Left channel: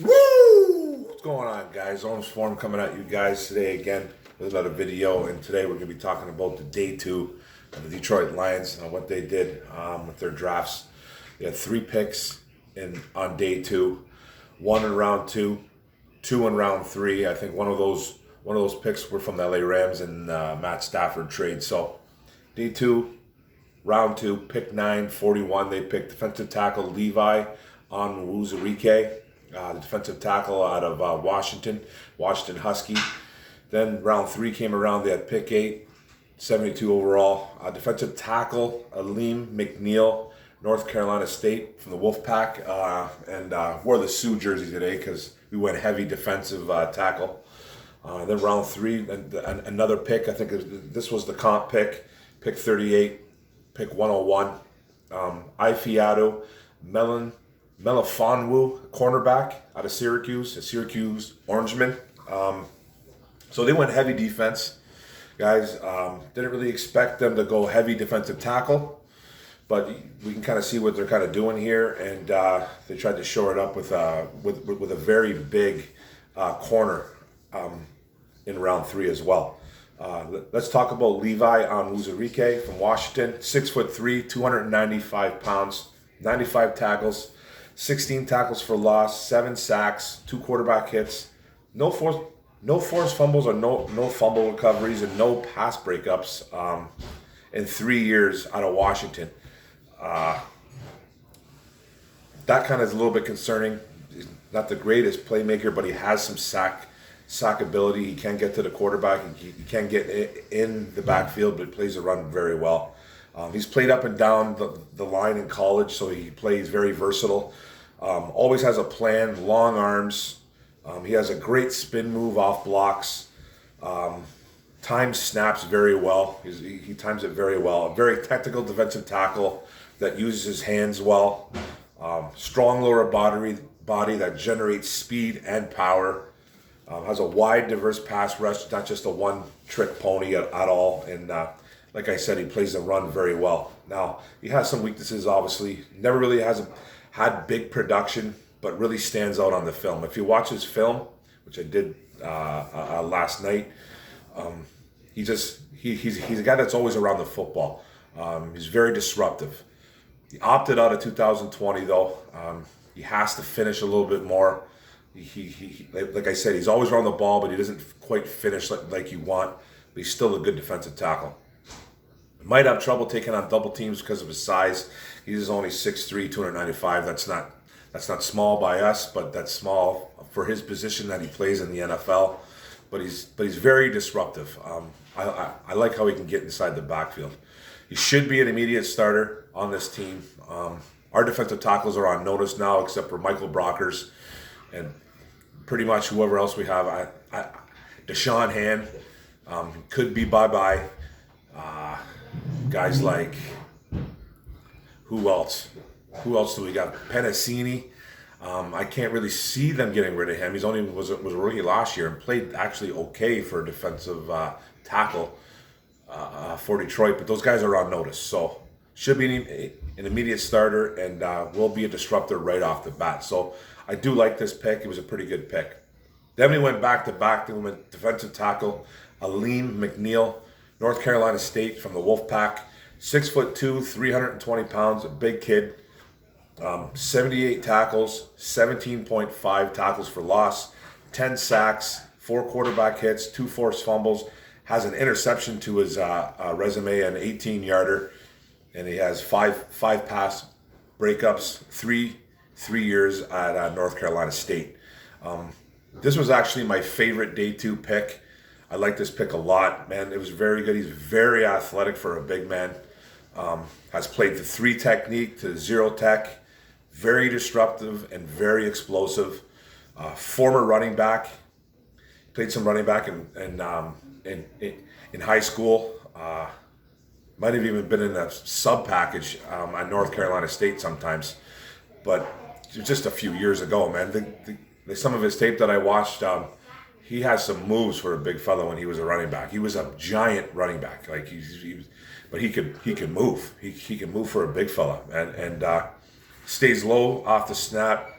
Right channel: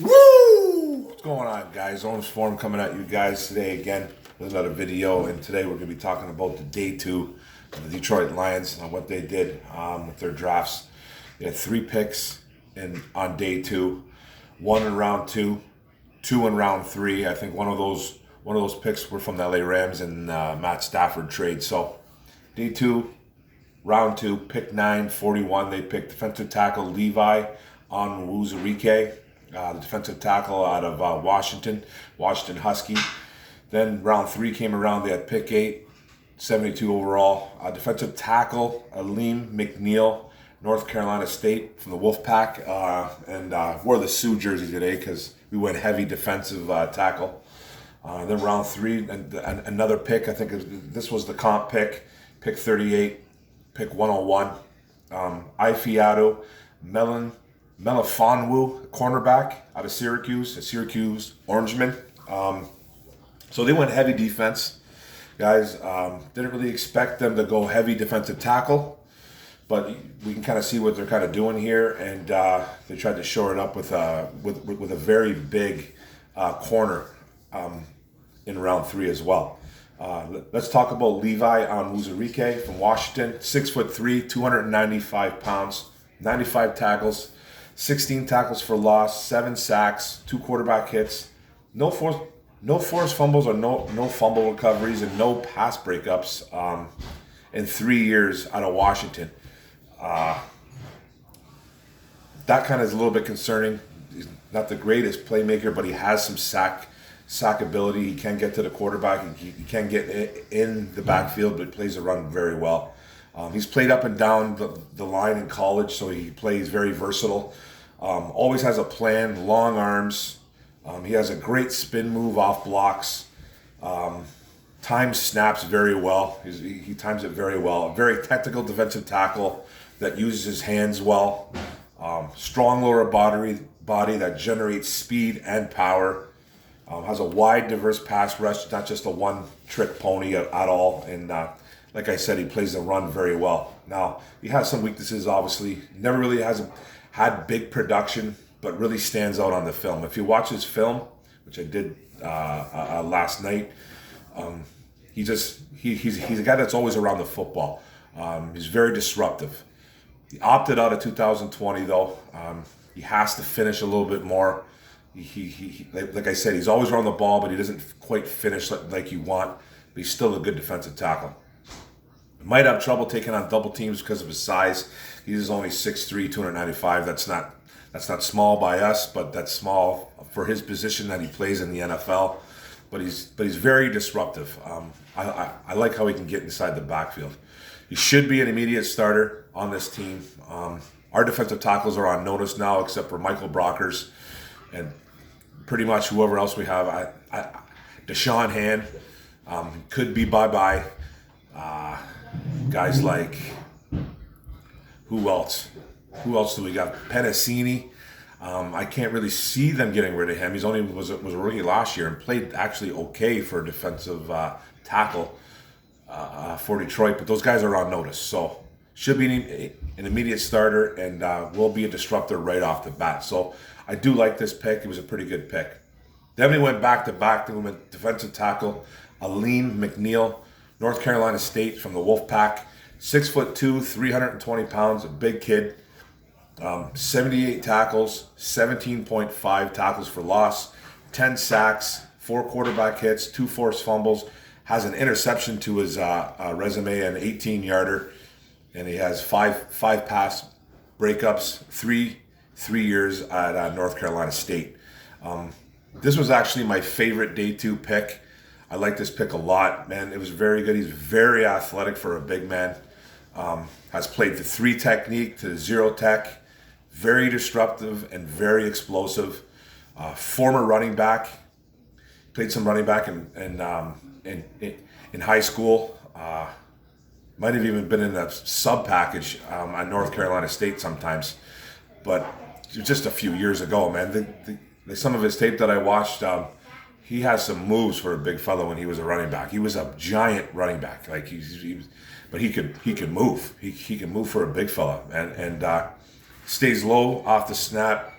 Woo! What's going on, guys? Onwuzurike coming at you guys today again with another video. And today we're going to be talking about the day two of the Detroit Lions and what they did with their drafts. They had 3 picks on day two, 1 in round 2, 2 in round 3. I think one of those picks were from the LA Rams and Matt Stafford trade. So day 2, round 2, pick 9, 41. They picked defensive tackle Levi Onwuzurike, the defensive tackle out of Washington Husky. Then round 3 came around. They had pick 8, 72 overall. Defensive tackle Alim McNeill, North Carolina State from the Wolfpack, and wore the Sioux jersey today because we went heavy defensive tackle. Then round 3, and another pick. I think this was the comp pick 38, pick 101. Ifeatu, Melifonwu, cornerback out of Syracuse, a Syracuse Orangeman. So they went heavy defense, guys. Didn't really expect them to go heavy defensive tackle, but we can kind of see what they're kind of doing here, and they tried to shore it up with a very big corner in round 3 as well. Let's talk about Levi Onwuzurike from Washington, 6'3", 295 pounds, 95 tackles, 16 tackles for loss, 7 sacks, 2 quarterback hits, no forced fumbles or no fumble recoveries, and no pass breakups in 3 years out of Washington. That kind of is a little bit concerning. He's not the greatest playmaker, but he has some sack ability. He can get to the quarterback. He can get in the backfield, but plays the run very well. He's played up and down the line in college, so he plays very versatile. Always has a plan, long arms. He has a great spin move off blocks. Times snaps very well. He times it very well. A very technical defensive tackle that uses his hands well. Strong lower body that generates speed and power. Has a wide, diverse pass rush, not just a one-trick pony at all. And like I said, he plays the run very well. Now, he has some weaknesses, obviously. Never really hasn't had big production, but really stands out on the film. If you watch his film, which I did last night, he's a guy that's always around the football. He's very disruptive. He opted out of 2020, though. He has to finish a little bit more. He like I said, he's always around the ball, but he doesn't quite finish like you want. But he's still a good defensive tackle. Might have trouble taking on double teams because of his size. He's only 6'3", 295. That's not small by us, but that's small for his position that he plays in the NFL. But he's very disruptive. I like how he can get inside the backfield. He should be an immediate starter on this team. Our defensive tackles are on notice now, except for Michael Brockers and pretty much whoever else we have. Deshaun Hand could be bye-bye. Guys like, who else? Who else do we got? Penasini. I can't really see them getting rid of him. He's only was a rookie last year and played actually okay for a defensive tackle for Detroit. But those guys are on notice, so should be an immediate starter and will be a disruptor right off the bat. So I do like this pick. It was a pretty good pick. Then we went back to back. Then we went defensive tackle Alim McNeill, North Carolina State from the Wolfpack, 6'2", 320 pounds, a big kid. 78 tackles, 17.5 tackles for loss, 10 sacks, 4 quarterback hits, 2 forced fumbles. Has an interception to his resume, an 18-yarder, and he has 5 pass breakups, 3 years at North Carolina State. This was actually my favorite day 2 pick. I like this pick a lot, man. It was very good. He's very athletic for a big man. Has played the 3 technique to the 0 tech. Very disruptive and very explosive. Former running back. Played some running back in high school. Might have even been in a sub package at North Carolina State sometimes. But just a few years ago, man. Some of his tape that I watched, he has some moves for a big fellow when he was a running back. He was a giant running back, like but he could move. He can move for a big fella, and stays low off the snap.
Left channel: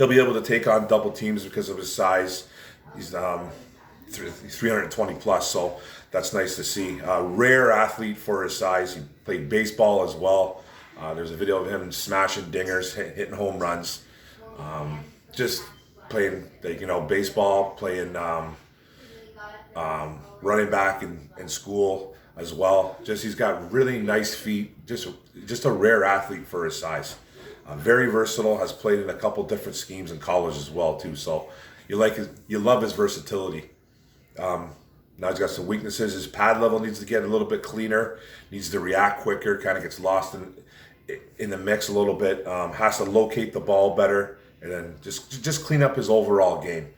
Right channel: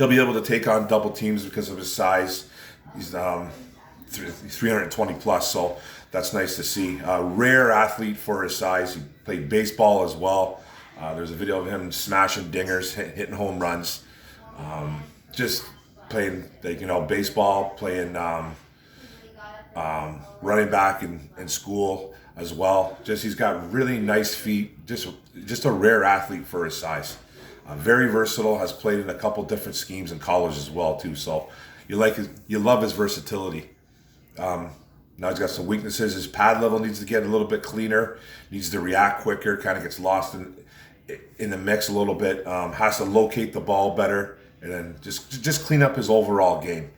he'll be able to take on double teams because of his size. He's 320 plus, so that's nice to see. Rare athlete for his size. He played baseball as well. There's a video of him smashing dingers, hitting home runs. Just playing, baseball, playing running back in school as well. He's got really nice feet. Just a rare athlete for his size. Very versatile. Has played in a couple different schemes in college as well too. So you love his versatility. Now he's got some weaknesses. His pad level needs to get a little bit cleaner. Needs to react quicker. Kind of gets lost in the mix a little bit. Has to locate the ball better, and then just clean up his overall game.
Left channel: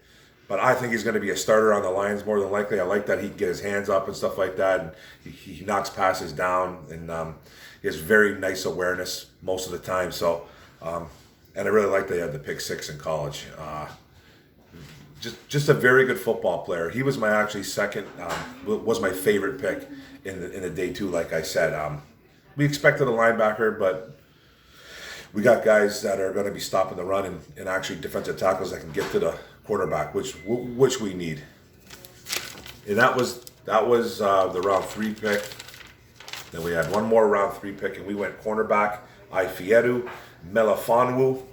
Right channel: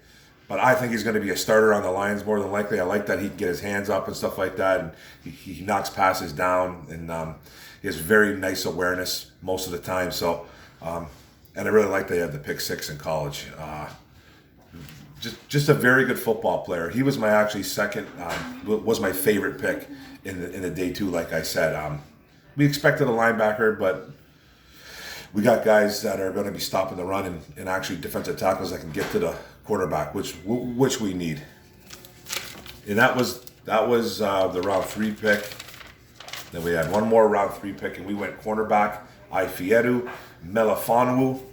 But I think he's going to be a starter on the Lions more than likely. I like that he can get his hands up and stuff like that, and he knocks passes down, and he has very nice awareness most of the time. So, and I really like that he had the pick 6 in college. Just a very good football player. He was my second, was my favorite pick in the day 2. Like I said, we expected a linebacker, but we got guys that are going to be stopping the run and actually defensive tackles that can get to the quarterback, which we need. And that was the round 3 pick. Then we had one more round 3 pick, and we went cornerback Ifeatu, Melifonwu,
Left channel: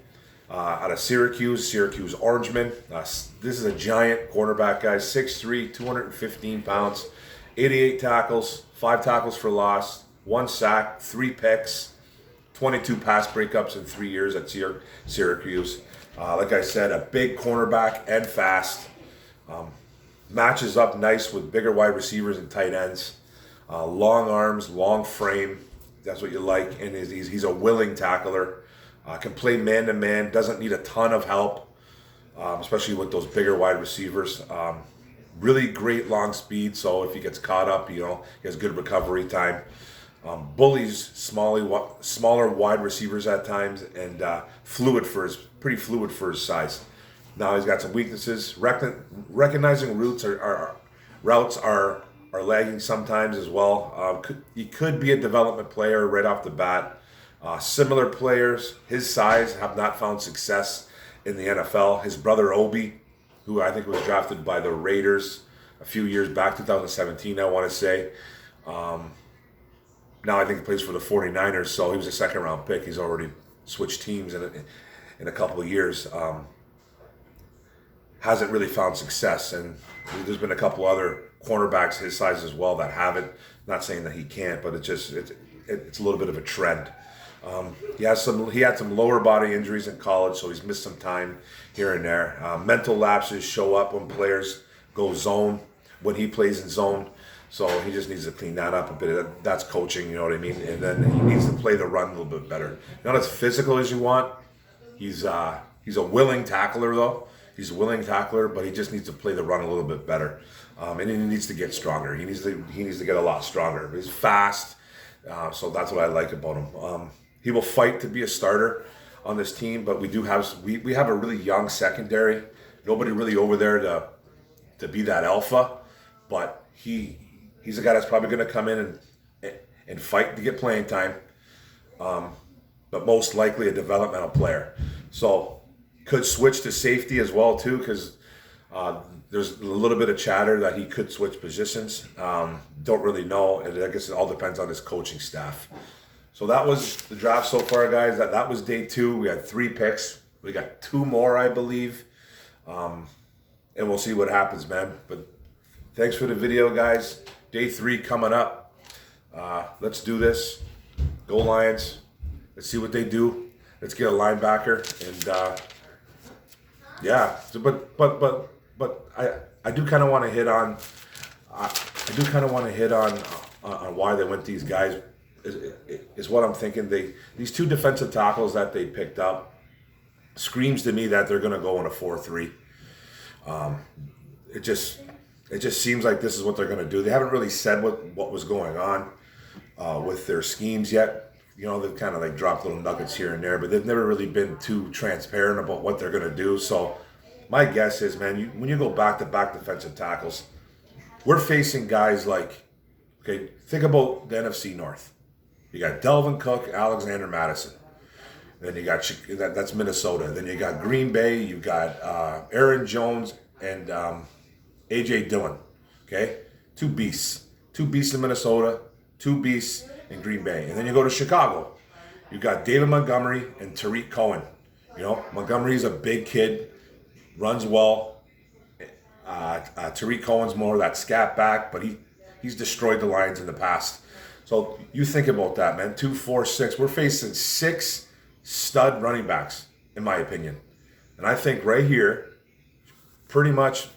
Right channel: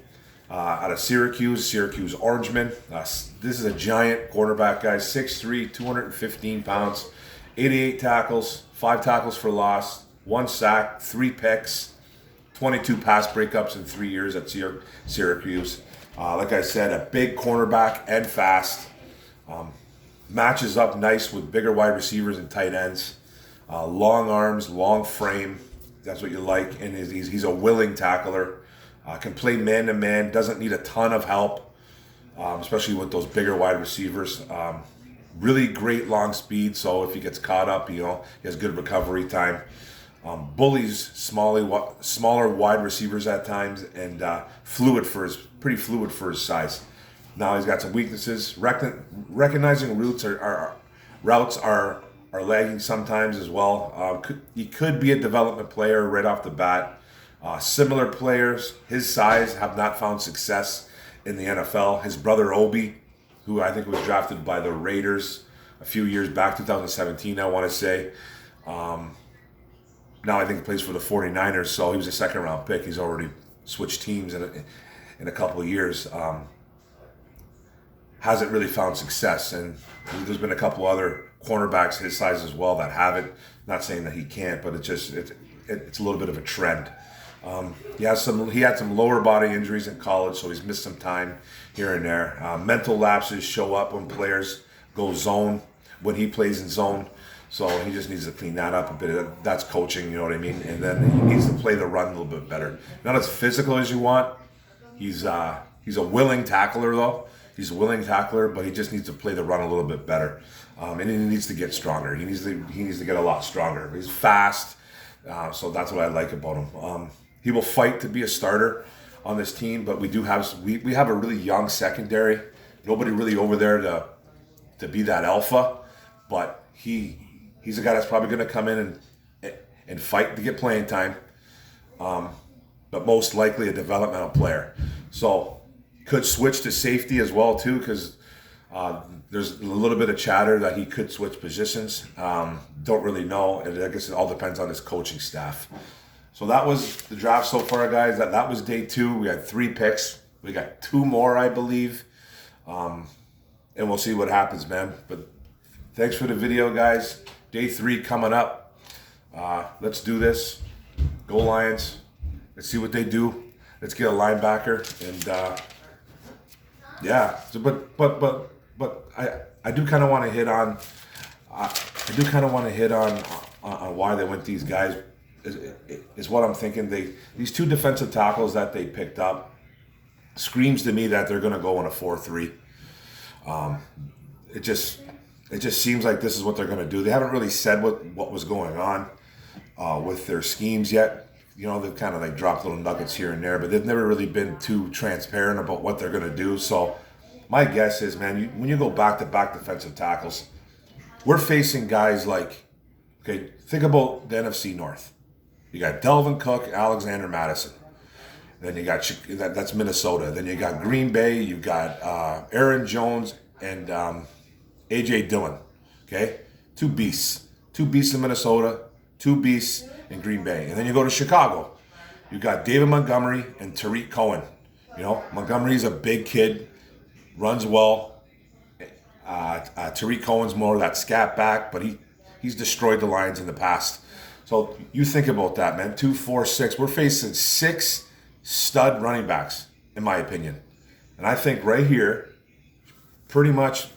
out of Syracuse Orangeman. This is a giant quarterback, guys. 6'3", 215 pounds, 88 tackles, 5 tackles for loss, 1 sack, 3 picks, 22 pass breakups in 3 years at Syracuse. Like I said, a big cornerback and fast. Matches up nice with bigger wide receivers and tight ends. Long arms, long frame. That's what you like. And he's a willing tackler. Can play man-to-man. Doesn't need a ton of help, especially with those bigger wide receivers. Really great long speed. So if he gets caught up, he has good recovery time. Bullies smaller wide receivers at times, and pretty fluid for his size. Now he's got some weaknesses. Recognizing routes are lagging sometimes as well. He could be a development player right off the bat. Similar players his size have not found success in the NFL. His brother Obi, who I think was drafted by the Raiders a few years back, 2017, I want to say. Now I think he plays for the 49ers, so he was a second-round pick. He's already switched teams in a couple of years. Hasn't really found success, and there's been a couple other cornerbacks his size as well that haven't. Not saying that he can't, but it's a little bit of a trend. He had some lower body injuries in college, so he's missed some time here and there. Mental lapses show up when players go zone, when he plays in zone. So he just needs to clean that up a bit. That's coaching, you know what I mean? And then he needs to play the run a little bit better. Not as physical as you want. He's a willing tackler, though. He's a willing tackler, but he just needs to play the run a little bit better. And he needs to get stronger. He needs to get a lot stronger. He's fast, so that's what I like about him. He will fight to be a starter on this team, but we have a really young secondary. Nobody really over there to be that alpha, but he's a guy that's probably going to come in and fight to get playing time, but most likely a developmental player. So could switch to safety as well too, because there's a little bit of chatter that he could switch positions. Don't really know, and I guess it all depends on his coaching staff. So that was the draft so far, guys. That was day 2. We had 3 picks. We got 2 more, I believe, and we'll see what happens, man. But thanks for the video, guys. Day 3 coming up. Let's do this. Go Lions. Let's see what they do. Let's get a linebacker, and yeah. So, but I do kind of want to hit on. On why they went these guys. Is what I'm thinking. These 2 defensive tackles that they picked up screams to me that they're going to go in a 4-3. It just seems like this is what they're going to do. They haven't really said what was going on with their schemes yet. They've kind of like dropped little nuggets here and there, but they've never really been too transparent about what they're going to do. So my guess is, man, when you go back-to-back defensive tackles, we're facing guys like, okay, think about the NFC North. You got Delvin Cook, Alexander Madison. Then you got that's Minnesota. Then you got Green Bay. You got Aaron Jones and AJ Dillon. Okay, two beasts in Minnesota, two beasts in Green Bay. And then you go to Chicago. You got David Montgomery and Tariq Cohen. You know, Montgomery's a big kid, runs well. Tariq Cohen's more of that scat back, but he's destroyed the Lions in the past. So you think about that, man. 2, 4, 6. We're facing 6 stud running backs, in my opinion. And I think right here pretty much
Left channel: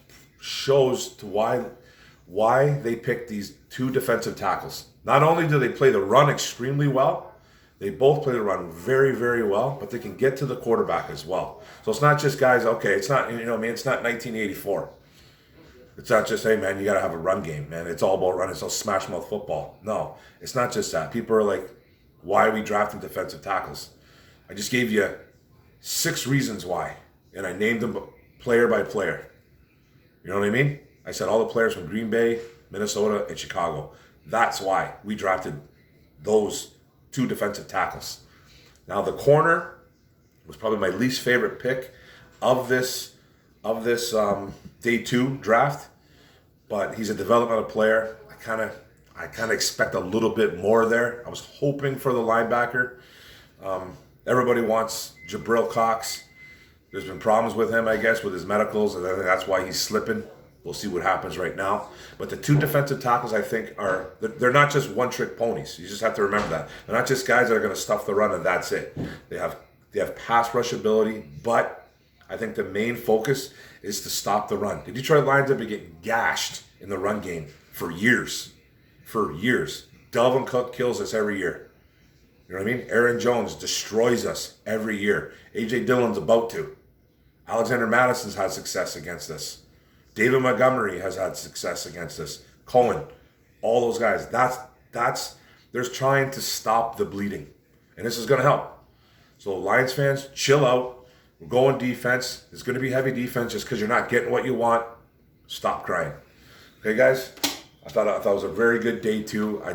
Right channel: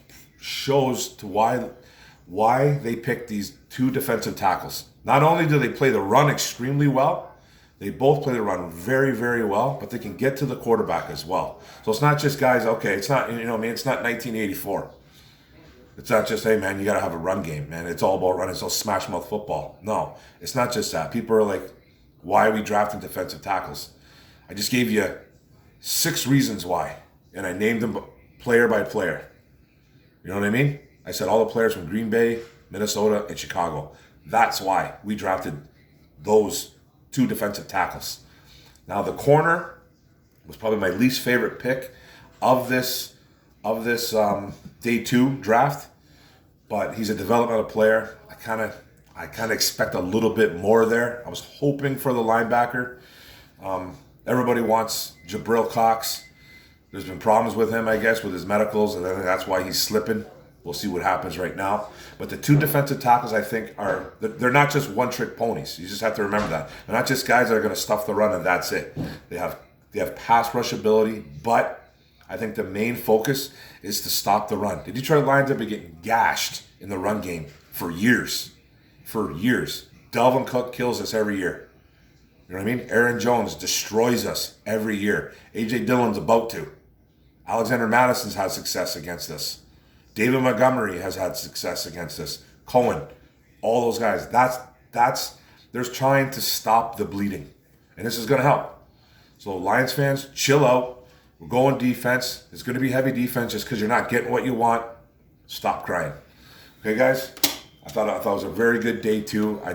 shows to why they picked these 2 defensive tackles. Not only do they play the run extremely well, they both play the run very, very well, but they can get to the quarterback as well. So it's not just guys, okay, it's not, you know what I mean, it's not 1984. It's not just, hey, man, you got to have a run game, man. It's all about running. It's all smash mouth football. No, it's not just that. People are like, why are we drafting defensive tackles? I just gave you 6 reasons why, and I named them player by player. You know what I mean? I said all the players from Green Bay, Minnesota, and Chicago. That's why we drafted those 2 defensive tackles. Now the corner was probably my least favorite pick of this day 2 draft, but he's a developmental player. I kind of expect a little bit more there. I was hoping for the linebacker. Everybody wants Jabril Cox. There's been problems with him, I guess, with his medicals, and I think that's why he's slipping. We'll see what happens right now. But the 2 defensive tackles, I think, they're not just one-trick ponies. You just have to remember that. They're not just guys that are going to stuff the run and that's it. They have pass rush ability, but I think the main focus is to stop the run. The Detroit Lions have been getting gashed in the run game for years. For years. Dalvin Cook kills us every year. You know what I mean? Aaron Jones destroys us every year. AJ Dillon's about to. Alexander Madison's had success against us. David Montgomery has had success against us. Cohen, all those guys. They're trying to stop the bleeding. And this is going to help. So Lions fans, chill out. We're going defense. It's going to be heavy defense just because you're not getting what you want. Stop crying. Okay, guys? I thought it was a very good day 2. I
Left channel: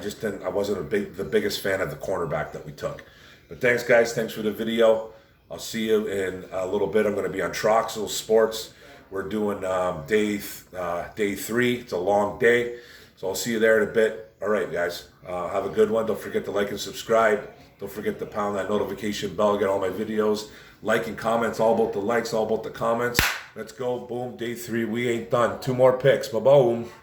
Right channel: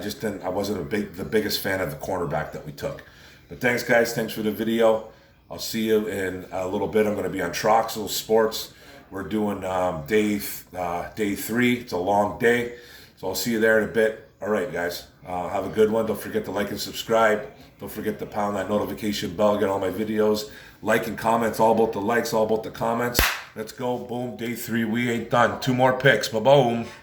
wasn't the biggest fan of the cornerback that we took. But thanks, guys. Thanks for the video. I'll see you in a little bit. I'm going to be on Troxel Sports. We're doing day 3. It's a long day. So I'll see you there in a bit. All right, guys. Have a good one. Don't forget to like and subscribe. Don't forget to pound that notification bell. Get all my videos. Like and comments. All about the likes. All about the comments. Let's go. Boom. Day 3. We ain't done. 2 more picks. Ba-boom.